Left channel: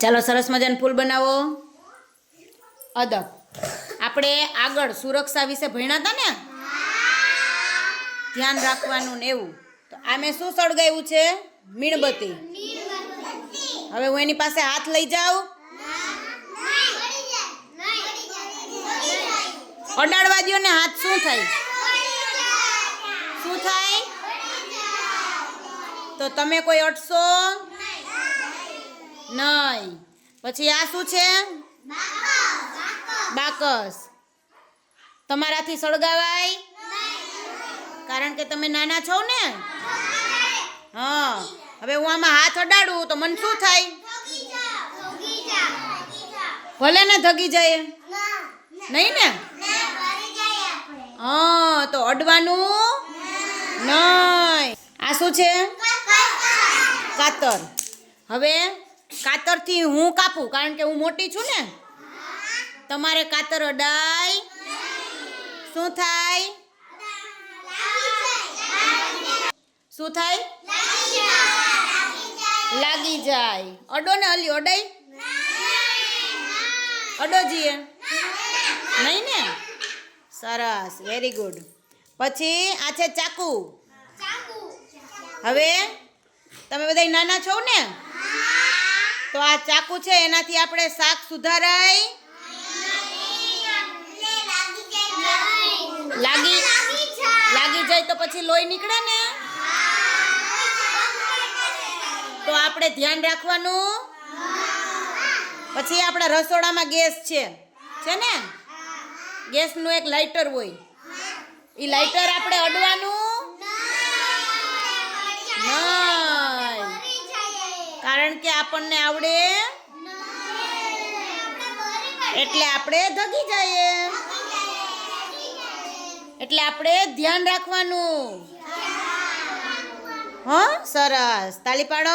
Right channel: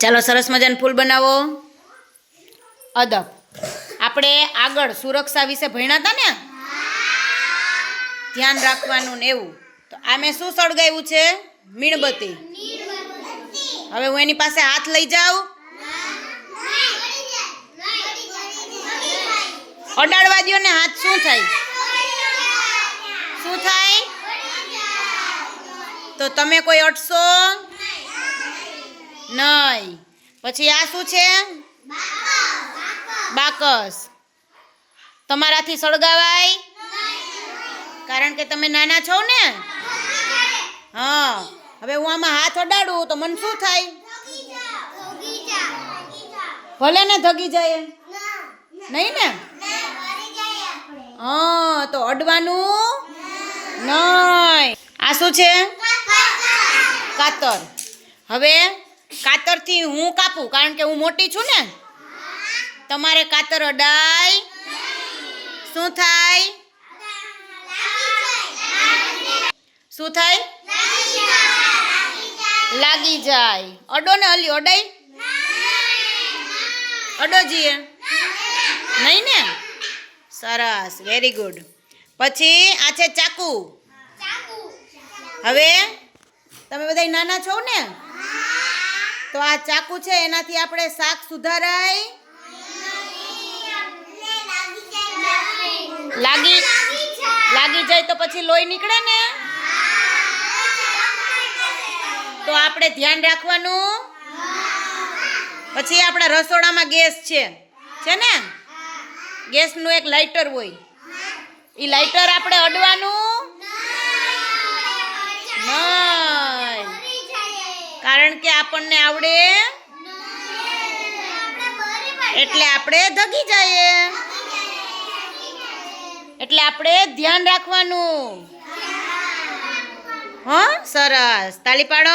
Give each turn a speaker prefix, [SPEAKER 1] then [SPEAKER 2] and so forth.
[SPEAKER 1] ચાલો સરસ મજાનું ફૂલ બનાવો. અદબ. આપણે આગળ સુરક્ષા વિશે ભણ્યા હતા ને? ધ્યાન રાખવાનું ને એવું. તો આ મેં શું સળગાવ્યું છે? મીણબત્તી. હવે હું એની પાસે હાથ લઈ જાઉં. અડાડવા ને હાથ શું થાય? શું થાય? તો તમે કોઈ અટશો? નહીં. પછી આ શું છે? બાકસ. તમારાથી સળગાવાય? કારણ કે તમે નાના છો ને? હા. હવે હું આમાં હાથ અડાડું તો મને શું થાય? ભલે ને ધગી જાય નહીં ને? હા, તો અડવાનું નહીં. આ શું છે? કાતર. હવે કાતરથી હું કાપું? કારણ કે હું મોટી છું ને? તમારે કાતર અડાય શું થાય? શું થાય? લાગી જાય. અડો ને અલી અડાય. અડો જીએ. નહીં ને? સરસ વેરી ગુડ પછી આ છે ચાકુ. હવે તમે બધા નાના છો ને? તો આ ચાકુ છે, એનાથી આપણે શાક સુધારાય. લાગી લાગી જાય તો પછી લોહી નીકળે ને? તો આપણે ધ્યાન રાખવાનું. પછી આપણા રસોડામાં ગેસ છે. છે ને? ગેસનું એક લાઇટર હોય. એ લાઇટર આપણે અડવાનું? નહીં કારણ કે આપણને આવડે એટલે આપણે ધગી જઈએ. એટલે આપણે ધ્યાન રાખવાનું. હા સરસ. તાલી પાડો.